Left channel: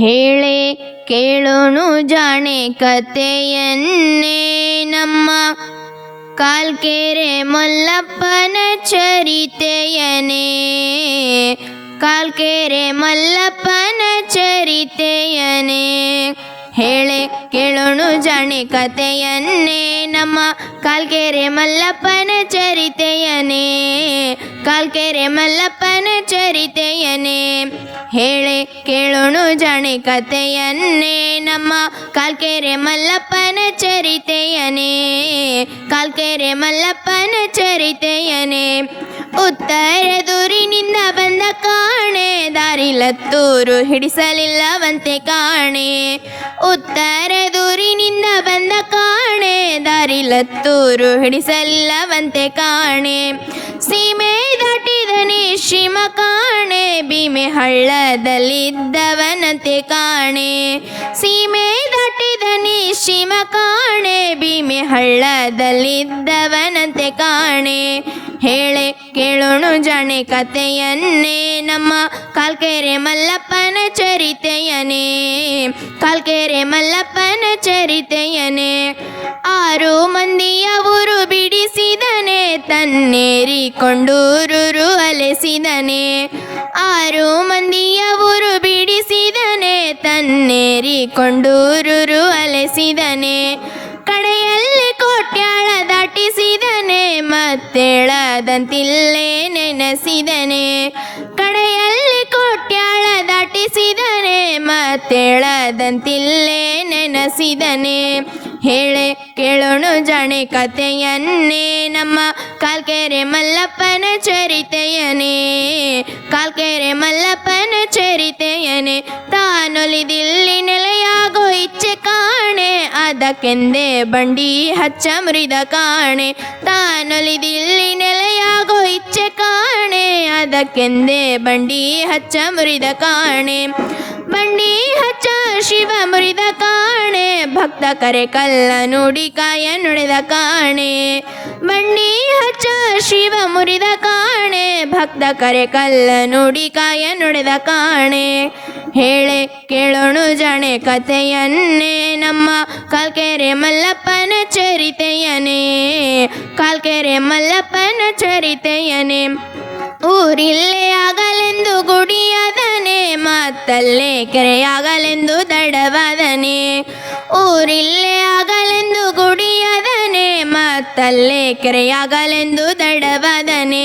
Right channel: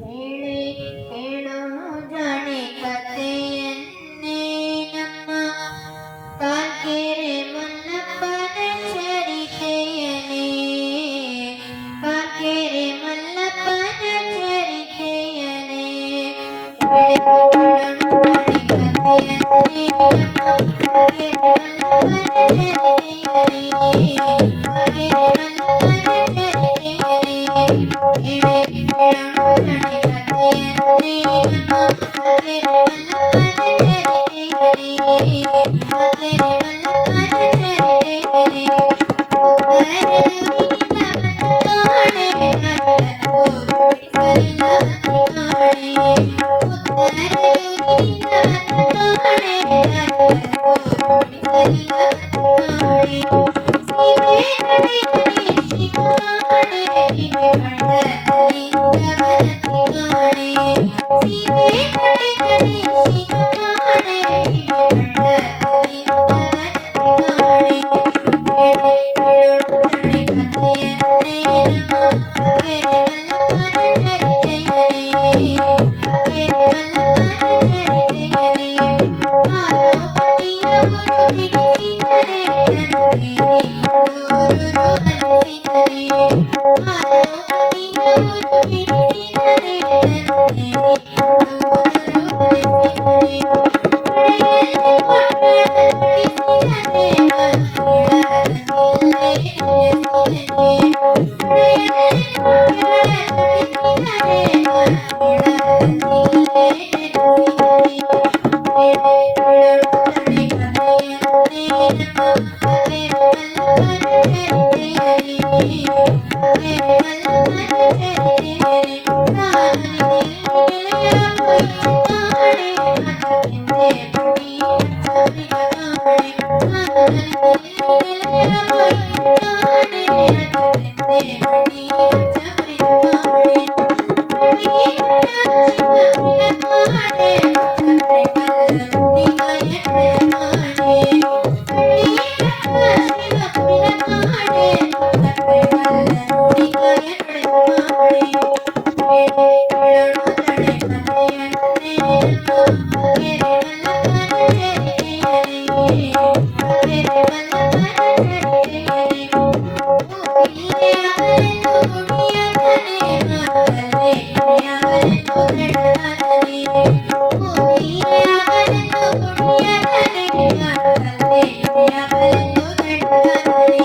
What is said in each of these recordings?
ಹೇಳೆ ಕೇಳೋಣು ಜಾಣೆ ಕತೆಯನ್ನೇ ನಮ್ಮ ಕಾಲ್ಕೆರೆ ಮಲ್ಲಪ್ಪನ ಚರಿತೆಯನೇ. ಕಾಲ್ಕೆರೆ ಮಲ್ಲಪ್ಪನ ಚರಿತೆಯನೇ. ಹೇಳೆ ಕೇಳೋಣು ಜಾಣೆ ಕತೆಯನ್ನೇ ನಮ್ಮ ಕಾಲ್ಕೆರೆ ಮಲ್ಲಪ್ಪನ ಚರಿತೆಯನೇ. ಕಾಲ್ಕೆರೆ ಮಲ್ಲಪ್ಪನ ಚರಿತೆಯನೇ. ಹೇಳೆ ಕೇಳೋಣು ಜಾಣೆ ಕತೆಯನ್ನೇ ನಮ್ಮ ಕಾಲ್ಕೆರೆ ಮಲ್ಲಪ್ಪನ ಚರಿತೆಯನೇ. ಕಾಲ್ಕೆರೆ ಮಲ್ಲಪ್ಪನ ಚರಿತೆಯನೇ. ಉತ್ತರದೂರಿನಿಂದ ಬಂದ ಕಾಣೆ ದಾರಿಲತ್ತೂರು ಹಿಡಿಸಲಿಲ್ಲವಂತೆ ಕಾಣೆ. ಉತ್ತರದೂರಿನಿಂದ ಬಂದ ಕಾಣೆ ದಾರಿಲತ್ತೂರು ಹಿಡಿಸಲಿಲ್ಲವಂತೆ ಕಾಣೆ. ಸೀಮೆ ದಾಟಿದನೆ ಶಿಮ ಕಾಣೆ ಭೀಮೆ ಹಳ್ಳದಲ್ಲಿದ್ದವನಂತೆ ಕಾಣೆ. ಸೀಮೆ ದಾಟಿದನೆ ಶಿಮ ಕಾಣೆ ಭೀಮೆ ಹಳ್ಳದಲ್ಲಿದ್ದವನಂತೆ ಕಾಣೆ. ಹೇಳೆ ಕೇಳೋಣು ಜಾಣೆ ಕತೆಯನ್ನೇ ನಮ್ಮ ಕಾಲ್ಕೆರೆ ಮಲ್ಲಪ್ಪನ ಚರಿತೆಯನೇ. ಕಾಲ್ಕೆರೆ ಮಲ್ಲಪ್ಪನ ಚರಿತೆಯನೇ. 6 ಮಂದಿಯ ಊರು ಬಿಡಿಸಿದನೆ ತನ್ನೇರಿಕೊಂಡೂರು ಅಲೆಸಿದನೆ. 6 ಮಂದಿಯ ಊರು ಬಿಡಿಸಿದನೆ ತನ್ನೇರಿಕೊಂಡೂರು ಅಲೆಸಿದನೆ. ಕಡೆಯಲ್ಲಿ ಕೋಟ್ಯಾಳ ದಾಟಿಸಿದನೆ ಮತ್ತೇಳದಂತಿಲ್ಲೇ ನೆನೆಸಿದನೆ. ಕಡೆಯಲ್ಲಿ ಕೋಟ್ಯಾಳ ದಾಟಿಸಿದನೆ ಮತ್ತೇಳದಂತಿಲ್ಲೇ ನೆನೆಸಿದನೆ. ಹೇಳೆ ಕೇಳೋಣು ಜಾಣೆ ಕತೆಯನ್ನೇ ನಮ್ಮ ಕಾಲ್ಕೆರೆ ಮಲ್ಲಪ್ಪನ ಚರಿತೆಯನೇ. ಕಾಲ್ಕೆರೆ ಮಲ್ಲಪ್ಪನ ಚರಿತೆಯನೇ. ತಾನೊಲಿದಿಲ್ಲಿ ನೆಲೆಯಾಗೋ ಇಚ್ಛೆ ಕಾಣೆ ಅದಕ್ಕೆಂದೇ ಬಂಡಿ ಹಚ್ಚ ಮುರಿದ ಕಾಣೆ. ತಾನೊಲಿದಿಲ್ಲಿ ನೆಲೆಯಾಗೋ ಇಚ್ಛೆ ಕಾಣೆ ಅದಕ್ಕೆಂದೇ ಬಂಡಿ ಹಚ್ಚ ಮುರಿದ ಕಾಣೆ. ಬಂಡಿ ಹಚ್ಚ ಶಿವ ಮುರಿದ ಕಾಣೆ ಭಕ್ತ ಕರೆ ಕಲ್ಲ ನುಡಿ ಕಾಯ ನುಡಿದ ಕಾಣೆ. ಬಂಡಿ ಹಚ್ಚ ಶಿವ ಮುರಿದ ಕಾಣೆ ಭಕ್ತ ಕರೆ ಕಲ್ಲ ನುಡಿ ಕಾಯ ನುಡಿದ ಕಾಣೆ. ಹೇಳೆ ಕೇಳೋಣು ಜಾಣೆ ಕತೆಯನ್ನೇ ನಮ್ಮ ಕಾಲ್ಕೆರೆ ಮಲ್ಲಪ್ಪನ ಚರಿತೆಯನೇ. ಕಾಲ್ಕೆರೆ ಮಲ್ಲಪ್ಪನ ಚರಿತೆಯನೇ. ಊರಿಲ್ಲೇ ಆಗಲೆಂದು ಗುಡಿಯಾದನೆ ಮತ್ತಲ್ಲೇ ಕೆರೆಯಾಗಲೆಂದು ತಡವಾದನೆ. ಊರಿಲ್ಲೇ ಆಗಲೆಂದು ಗುಡಿಯಾದನೆ ಮತ್ತಲ್ಲೇ ಕೆರೆಯಾಗಲೆಂದು ತಡವಾದನೆ.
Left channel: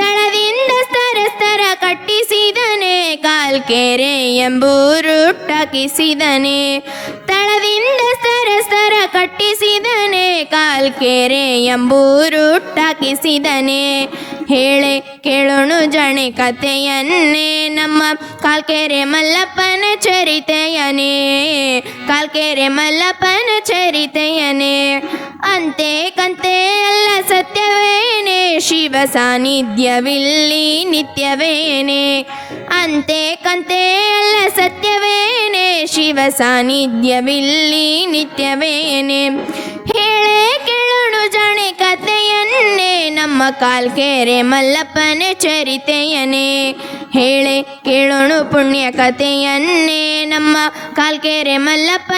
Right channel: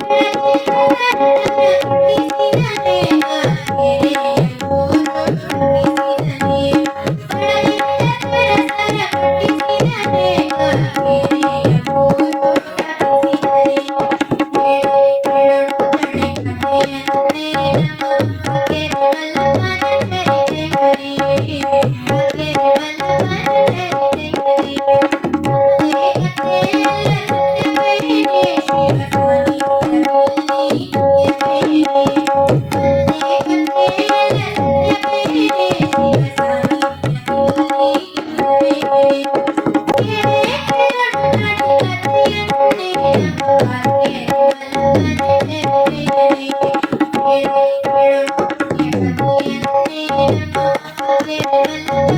ತಳದಿಂದ ಸ್ತರ ಕಟ್ಟಿಸಿದನೆ ಕಾಲ್ಕೆರೆ ಎಂಬೂರುಟ್ಟಾಕಿಸಿದನೆ. ತಳದಿಂದ ಸ್ತರ ಕಟ್ಟಿಸಿದನೆ ಕಾಲ್ಕೆರೆ ಎಂಬೂರುಟ್ಟಾಕಿಸಿದನೆ. ಹೇಳೆ ಕೇಳೋಣು ಜಾಣೆ ಕತೆಯನ್ನೇ ನಮ್ಮ ಕಾಲ್ಕೆರೆ ಮಲ್ಲಪ್ಪನ ಚರಿತೆಯನೇ. ಕಾಲ್ಕೆರೆ ಮಲ್ಲಪ್ಪನ ಚರಿತೆಯನೇ. ಅಂತೆ ಕಂತೆ ಎಲ್ಲ ಸತ್ಯವೇನೆ ಶಿವ ಸಾನ್ನಿಧ್ಯವಿಲ್ಲಿ ನಿತ್ಯವೇನೆ. ಅಂತೆ ಕಂತೆ ಎಲ್ಲ ಸತ್ಯವೇನೆ ಶಿವ ಸಾನ್ನಿಧ್ಯವಿಲ್ಲಿ ನಿತ್ಯವೇನೆ. ಹೇಳೆ ಕೇಳೋಣು ಜಾಣೆ ಕತೆಯನ್ನೇ ನಮ್ಮ ಕಾಲ್ಕೆರೆ ಮಲ್ಲಪ್ಪನ ಚರಿತೆಯನೇ. ಹೇಳೆ ಕೇಳೋಣು ಪುಣ್ಯ ಕತೆಯನ್ನೇ ನಮ್ಮ ಕಾಲ್ಕೆರೆ ಮಲ್ಲಪ್ಪ